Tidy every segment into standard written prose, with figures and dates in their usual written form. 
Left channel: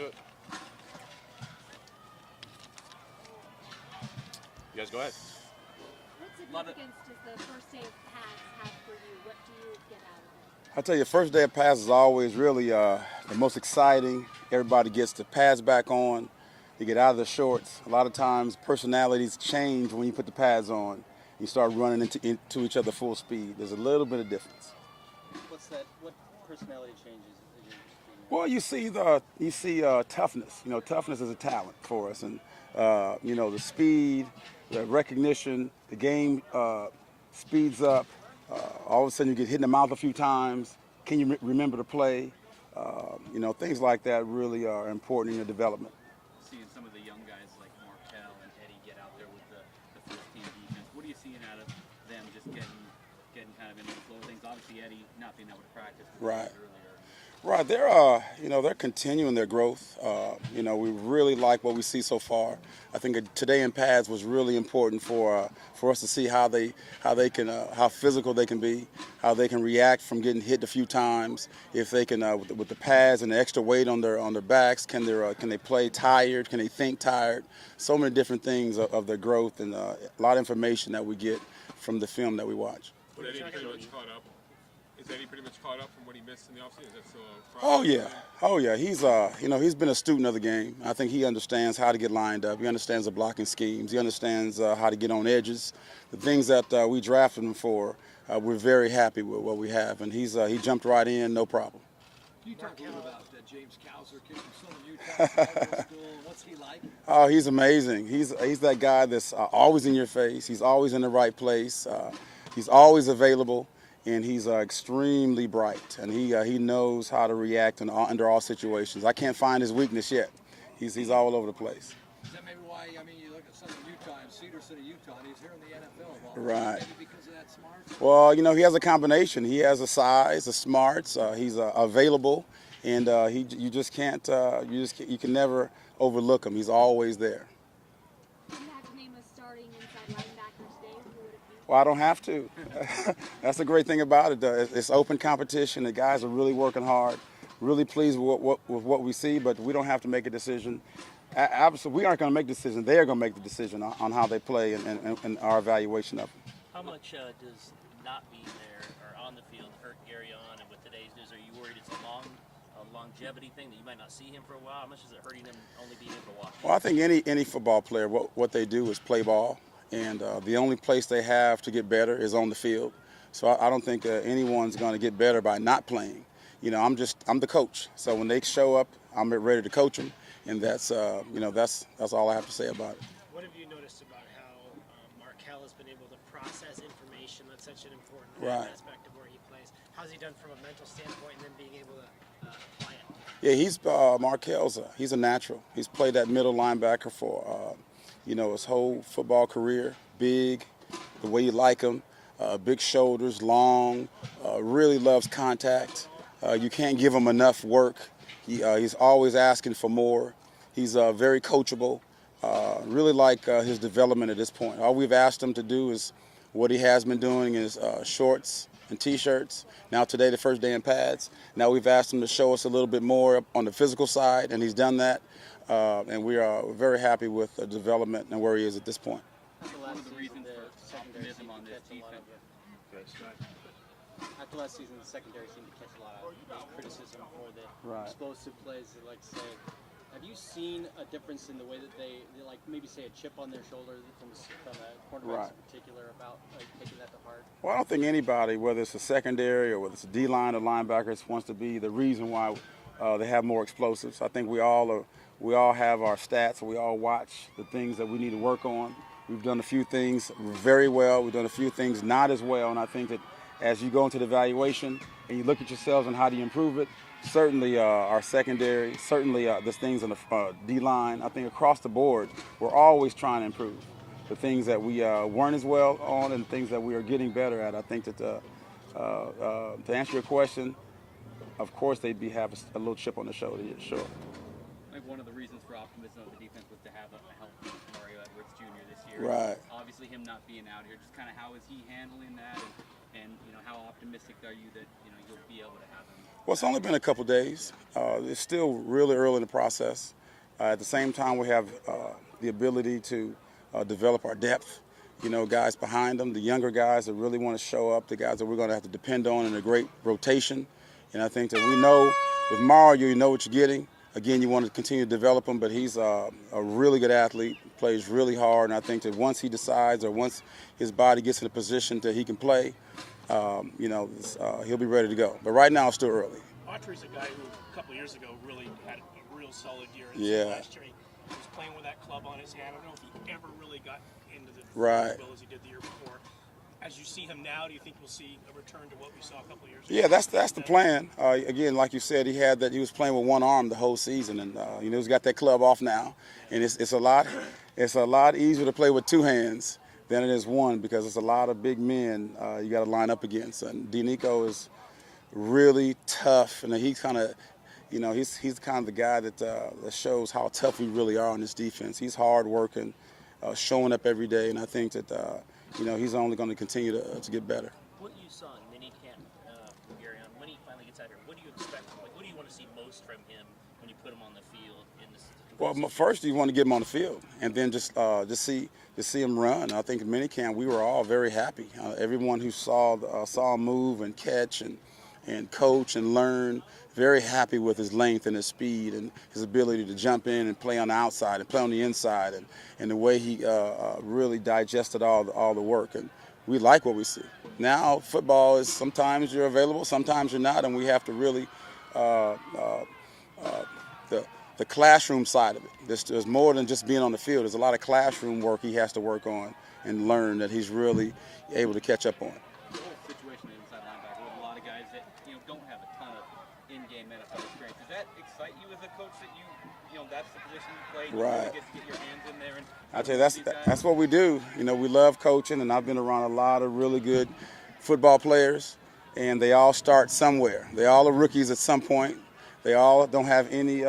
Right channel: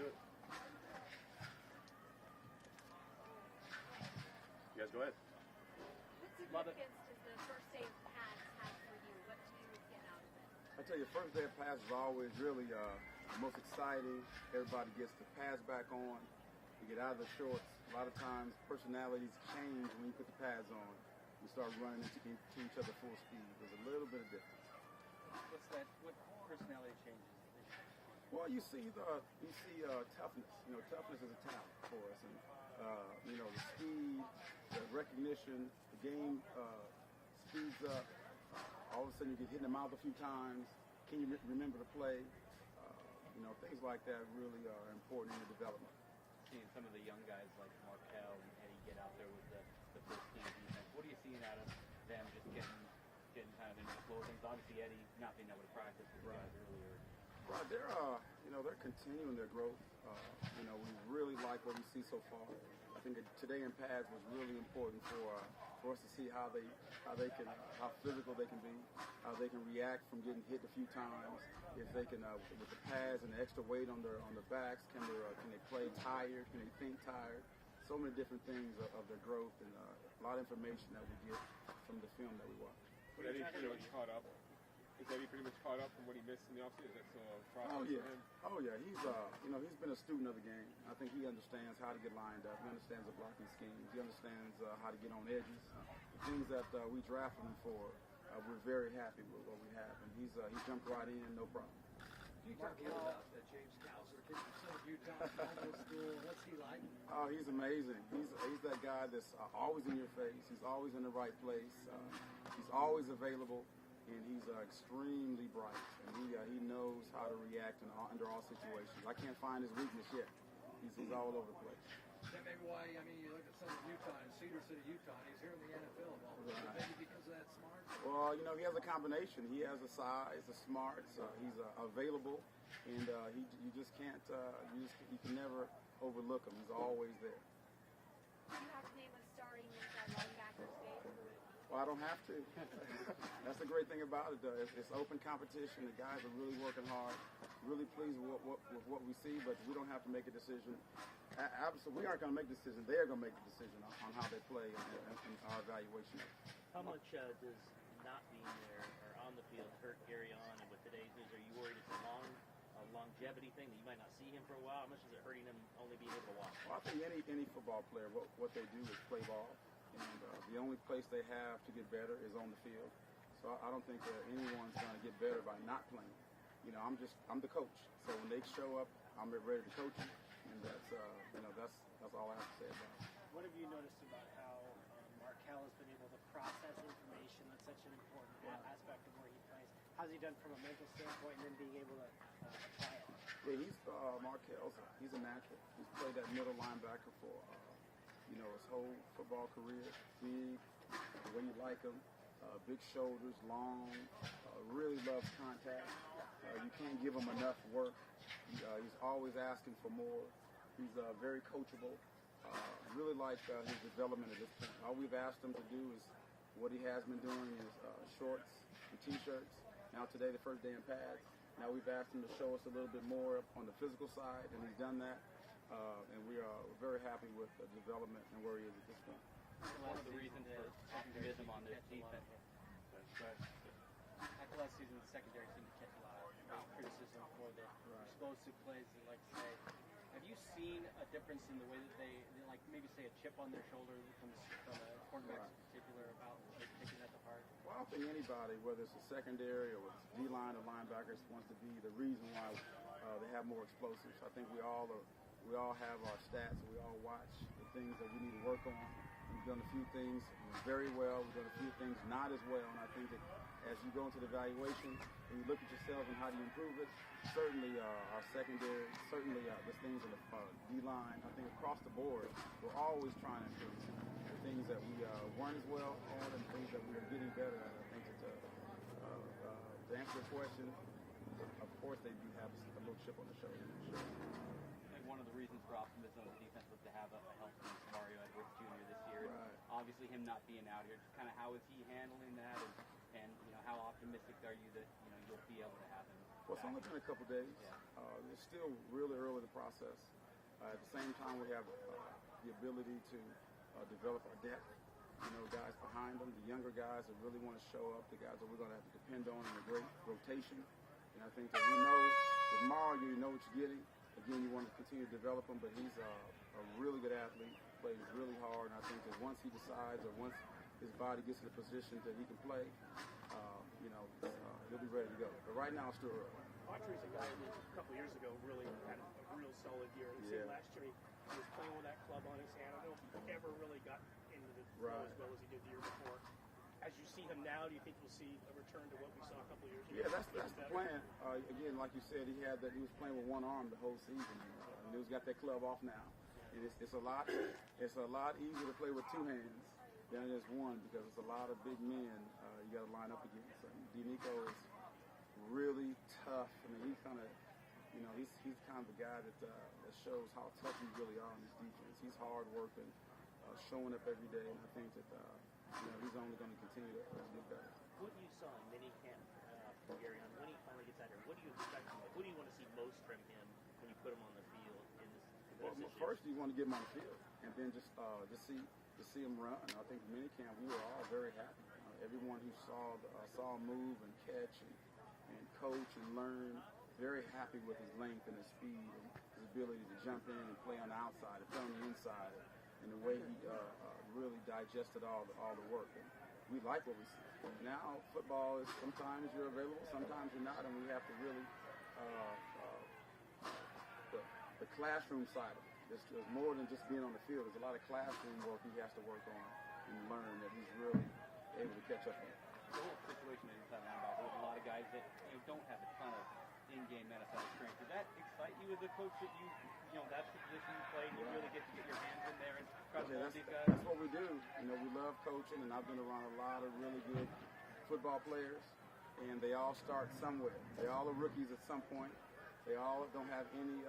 do it. You guys go ahead. What significance does the first day of pads have for you? What do you get out of it? I tell you, first day of pass is always really the most exciting. Everybody gets the pads back on. You get out of the shorts. A lot of times personalities change when you put the pads on. You start running into each other full speed. There's a little bit of difference. What's that? What personality changes? Well, you see toughness. You know, toughness is a talent for us, and you know, the speed, the recognition, the game speeds up. All of a sudden, you get hit in the mouth a few times. Can you remember to play? You know, things like that really are important in your development. Seeing some of the young guys like Marquel and Eddie get out there with the first team defense, what are you seeing out of them just getting kind of into the flow of things? Obviously, Eddie not being able to practice Right. earlier. Right, they're continuing their growth. You know, we really like what we see so far. I think today in pads was really important for us to see how how physical they can be, how they can react from getting hit a few times. If they can, with the pads and the extra weight on their backs, can they play tired? Can they think tired? So many different things of their growth, and a lot of information that we get from the film that we watch. But Eddie pretty much caught up. Is Eddie pretty much caught up from what he missed in the offseason? Is that still a problem? Oh yeah. He's been a student of the game. I think he understands how to get lined up. He understands the blocking schemes. He understands how to get on edges. The things that we drafted him for, we're very happy with what we have, and he jumped right in, no problem. Can you talk a little about James Cowser, kid from Southern Utah, high school? What's he like? Oh, he's amazing. He's that guy that's always in your face. He's always in the right place. He's always available. And he's extremely bright, and he knows how to react under all situations. I can't find his weakness yet. He's all over the place. Is that maybe why, you look at Southern Utah and Cedar City, Utah, and he's here in the NFL a lot. Right. Maybe because of that smarts? Well, he has a combination. He has the size, the smarts. He's available, and you can never overlook him. He's always there. Well, I don't have to. That's the great thing about it. It's open competition. The guys are really working hard, really pleased with what we see, but we don't have to make a decision. Absolutely, we aren't going to make the decision. They're going to make the decision on how they play and our evaluation of them. How much does not being there or on the field hurt Arion? And with today's news, are you worried it's a longevity thing that you might not see him for a while? How much is it hurting him only being able to watch? Well, I think any football player, what they do is play ball. And the only place they have to get better is on the field. So I don't think anyone's going to get better by not playing. You know, I'm the coach. So when they show up, I'm ready to coach them, and that's all I have to say about it. What have you noticed about how Marquel has been able to process information? That's such an important aspect of where he plays. How's he done from a mental standpoint, and then being able to apply it? Yeah, Markel's he's a natural. He's played that middle linebacker for his whole football career. Big, the way you like him, big shoulders, long, really loves contact. You can't give him enough work. He's always asking for more. He's very coachable. Really like his development at this point. All we've asked him to do is what he has been doing is shorts and T-shirts. Now today, the first day in pads. Now we've asked him to show us a little bit more on the physical side, and he's done that. And we are very happy with the development and where he is at this point. One of the reasons for optimism on this defense. After last season, the secondary seemed to catch a lot of criticism for the explosive plays. They like to say, have you seen a difference in the way that they like maybe say a chip on their shoulder from the quarterbacks in particular about taking that to heart? Well, I don't think anybody, whether it's a secondary or whether it's a D-line or linebackers, wants to be the reason why they have more explosives. I think we all have our stats. We all watch the things that we need to work on. We've done a few things very well. We've done a few things not as well. And I think that as you go into the evaluation and you look at yourselves and how do you improve it, certainly our secondary, certainly the things on the D-line, I think across the board, we're always trying to improve. The things that we weren't as well on and the things that we are getting better at. I think that to answer your question, of course they'd have a little chip on the shoulder, yeah, sure. I think one of the reasons for optimism of the defense was to have a healthy Mario Edwards Jr. this year. Right. Obviously, him not being out here, just kind of how is he handling that, and how optimistic are you that you'll be able to have him? Well, it's only been a couple days. It's still really early in the process. At the same time, we have the ability to develop our depth. Guys behind them, the younger guys that really want to show up, the guys that we're going to have to depend on in a great rotation. And I think that we know with Mario, you know what you're getting. Again, you want to continue to develop him, but he's a really good athlete, plays really hard. And I think that once he decides or once his body gets in a position that he can play, he'll be ready to go. But right now, it's still early. Autry's a guy who a couple years ago really had a real solid year. Last year he was playing with that club on his hand. I don't know if he ever really got into the field as he did the year before. As you see him now, do you think we'll see a return to what we saw a couple years ago? Yeah, that's the plan. Again, like you said, he was playing with one arm the whole season, and he's got that club off now, and it's a lot easier to play with two hands than it is one because it's a lot of big men you got to line up against. And Denico is really tough, and he's kind of, he's kind of the guy that shows how tough we really are on this defense. He's hard working, showing up every day, and I think that he's only going to continue to get better. What you saw in minicamp from Gary on when he finally gets out here, what do you expect? Like, what do you want to see most from him when you put him on the field? Well, first you want to get him on the field, and then just see him run. I think in minicamp we were all very happy. Everyone who saw him move and catch and coach and learn, very happy with his length and his speed and his ability to jump in and play on the outside and play on the inside and the way he really digested all the work. And we like what we see. Now football is sometimes you're available, sometimes you're not, and we have to really the classroom side of it. There's more than just being on the field. There's a lot of classroom work he has to work on and learn that he's really able to catch up on. Situation inside linebacker with a lot of guys that don't have a ton of in-game NFL experience. Does that excite you as a coach that that's the position you play? Right. You get to get your hands in there and I tell you, that's what we do. We love coaching, and I've been around a lot of really good football players, and they all start somewhere. They all are rookies at some point. They all don't have any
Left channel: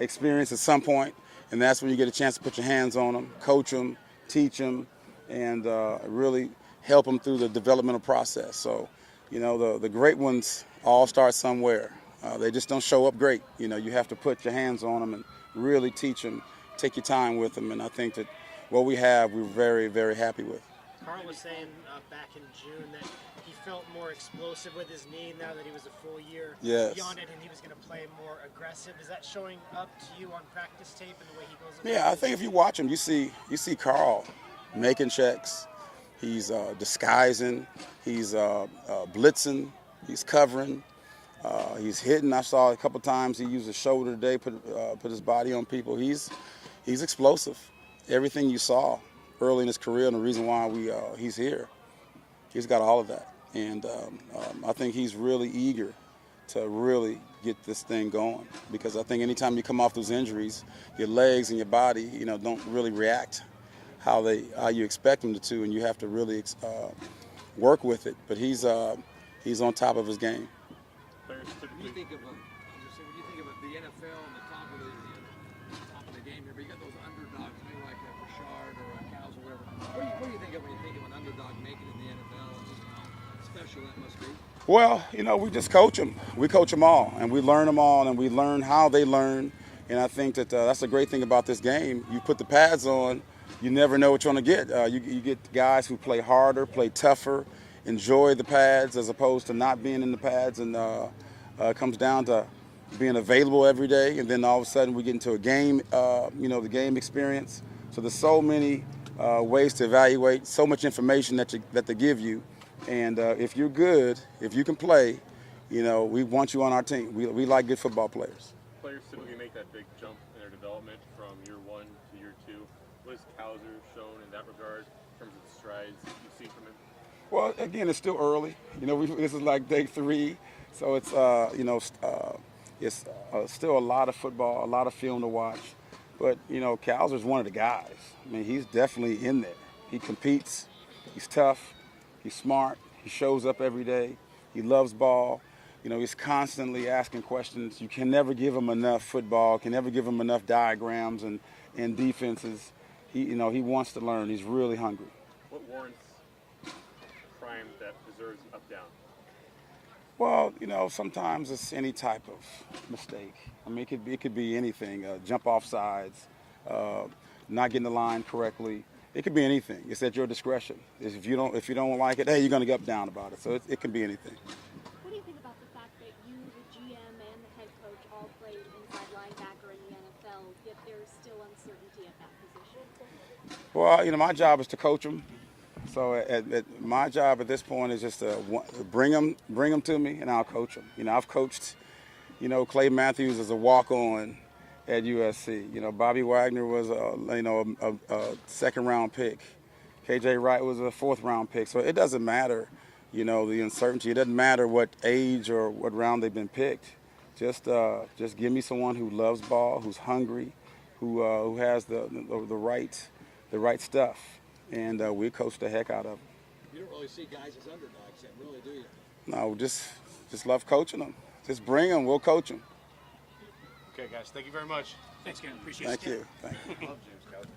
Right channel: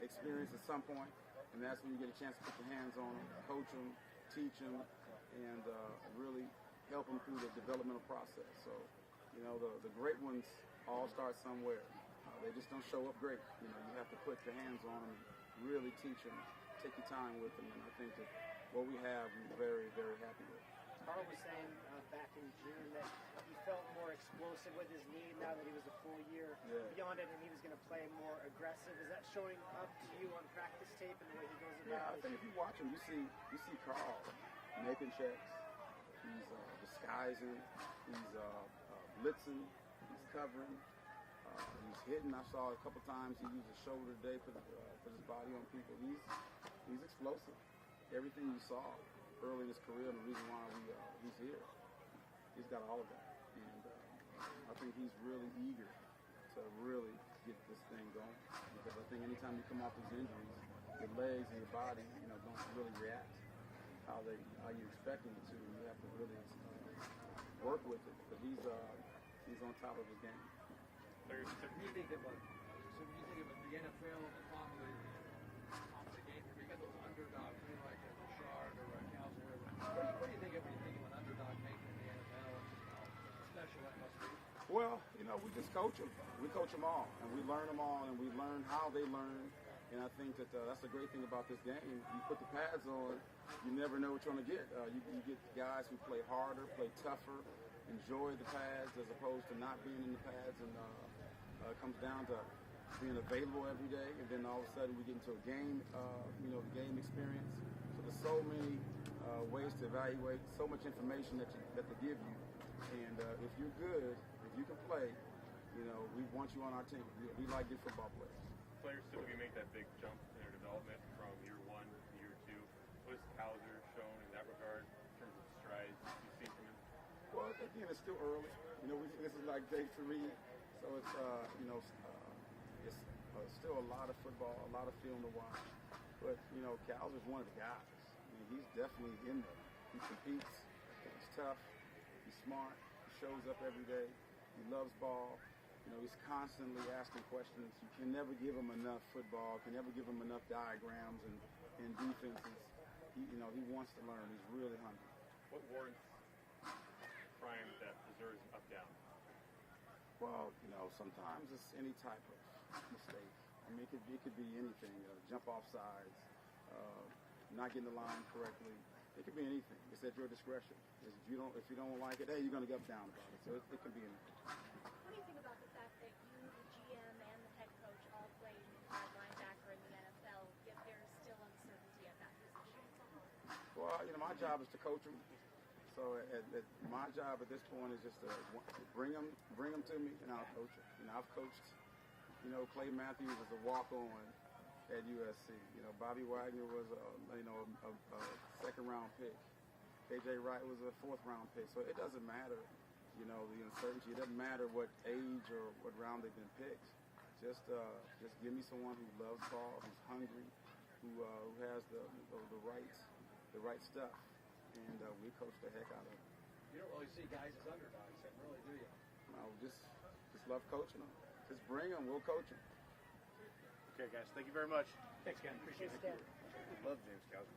experience at some point, and that's when you get a chance to put your hands on them, coach them, teach them, and really help them through the developmental process. So, the great ones all start somewhere. They just don't show up great. You have to put your hands on them and really teach them, take your time with them, and I think that what we have, we're very, very happy with. Carl was saying back in June that he felt more explosive with his knee now that he was a full year beyond it, and he was going to play more aggressive. Is that showing up to you on practice tape and the way he goes? Yeah, I think if you watch him, you see Carl making checks. He's disguising. He's blitzing. He's covering. He's hitting. I saw a couple times he used his shoulder today, put his body on people. He's explosive. Everything you saw early in his career and the reason why he's here, he's got all of that. And I think he's really eager to really get this thing going because I think anytime you come off those injuries, your legs and your body, don't really react how you expect them to, and you have to really work with it. But he's on top of his game. When you think of the NFL and the top of the game here, but you got those underdogs, maybe like a Bouchard or a Cows or whatever. What do you think of when you think of an underdog making it in the NFL and just how special that must be? Well, we just coach them. We coach them all, and we learn them all, and we learn how they learn. And I think that that's a great thing about this game. You put the pads on, you never know what you're going to get. You get guys who play harder, play tougher, enjoy the pads as opposed to not being in the pads, and it comes down to being available every day, and then all of a sudden we get into a game, the game experience. So there's so many ways to evaluate, so much information that they give you, and if you're good, if you can play, we want you on our team. We like good football players. Players typically make that big jump in their development from year one to year two. What has Cowser shown in that regard in terms of the strides you see from him? Well, again, it's still early. This is like day 3, so it's it's still a lot of football, a lot of film to watch. But Cowser's one of the guys. I mean, he's definitely in there. He competes. He's tough. He's smart. He shows up every day. He loves ball. He's constantly asking questions. You can never give him enough football. Can never give him enough diagrams and defenses. He wants to learn. He's really hungry. What warrants prime that deserves up down? Well, You know, sometimes it's any type of mistake. I mean, it could be anything. Jump off sides, not getting the line correctly. It could be anything. It's at your discretion. If you don't like it, hey, you're gonna get down about it. So it can be anything. What do you think about the fact that you, the GM, and the head coach all played inside linebacker in the NFL, yet there's still uncertainty at that position? Well, you know, my job is to coach them. So my job at this point is just to bring them to me, and I'll coach them. You know, I've coached, you know, Clay Matthews as a walk-on at USC. You know, Bobby Wagner was a second-round pick. KJ Wright was a fourth-round pick. So it doesn't matter, you know, the uncertainty. It doesn't matter what age or what round they've been picked. Just give me someone who loves ball, who's hungry, who has the right stuff. And we coach the heck out of them. You don't really see guys as underdogs yet, really, do you? No, just love coaching them. Just bring them, we'll coach them. Okay, guys, thank you very much. Thanks, Ken. Appreciate it. Thank you. Thank you. Love James Cowser.